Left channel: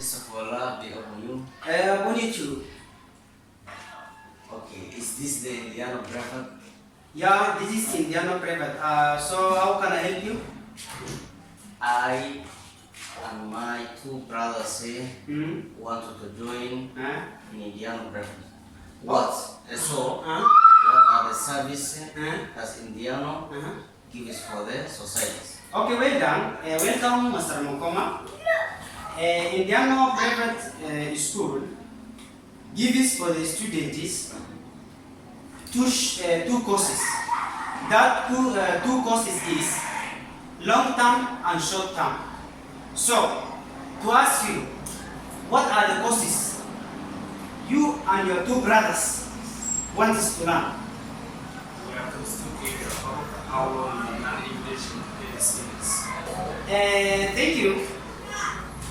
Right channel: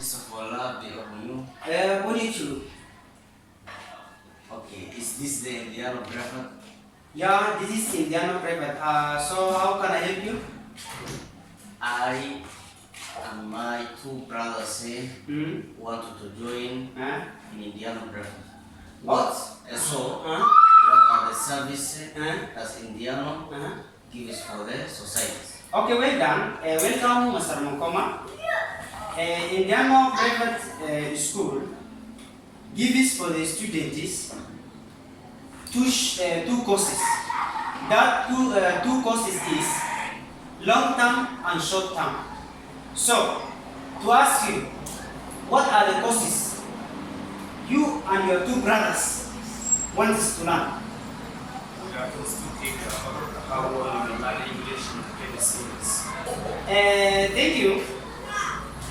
Isafola Beomu. Bonjour. Okay, is this the Indiano Private? Yeah, this is Indiano Private. So how can I help you? I and my two brothers wanted to join Huh? in Indiano Private. What? So, Huh? what are the services that Indiano Uh-huh. gives for the society? Okay, well done. Welcome, Mr. Mukoma. Indiano Private School gives for the students two courses. That two courses is long term and short term. So, to ask you, what are the courses you and your two brothers want to learn? We have to speak about how we learn English in the students. Thank you.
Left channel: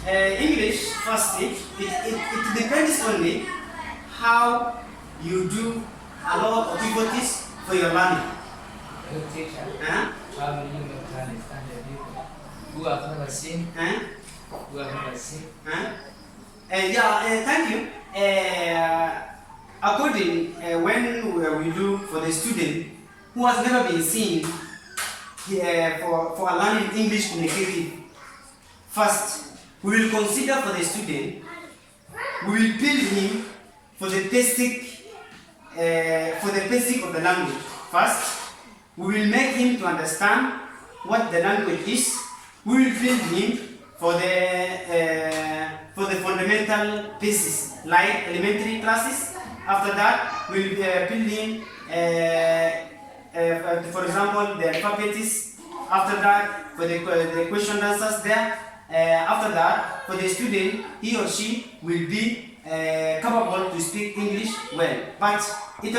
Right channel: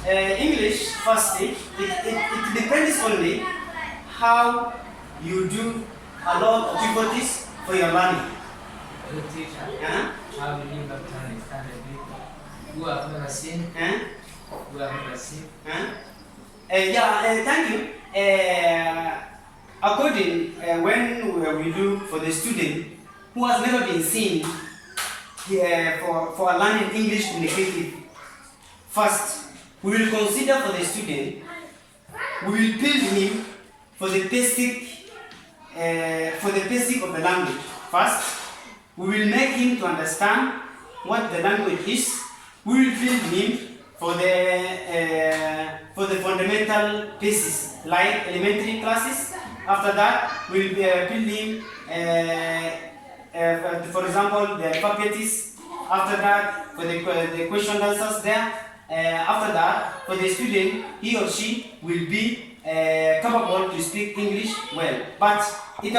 English, firstly, it depends only how you do a lot of difficulties for your learning. Hello teacher, Huh? how will you not understand the people who have never seen, Huh? who have never seen? Huh? Thank you. According when we do for the student who has never been seen for learning English communicative, first we will consider for the student, we will build him for the basic of the language. First, we will make him to understand what the language is. We will build him for the fundamental basis, like elementary classes. After that, we will build him, for example, the alphabets. After that, for the question answers there. After that, for the student, he or she will be capable to speak English well. But it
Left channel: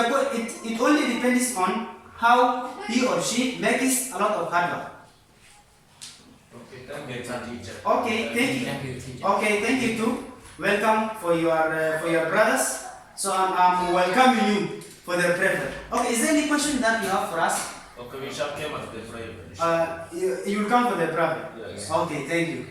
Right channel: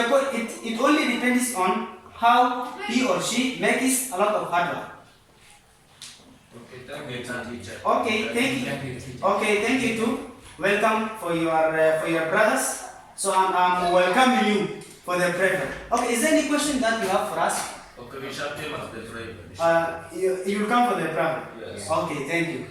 only depends on how he or she makes a lot of hard work. Okay, thank you, teacher. Okay, thank you. Thank you teacher. Okay, thank you too. Welcome for your brothers. So I'm welcoming you for the prayer. Okay, is there any question that you have for us? Okay, we shall come at the prayer. You will come for the prayer. Yes. Okay, thank you.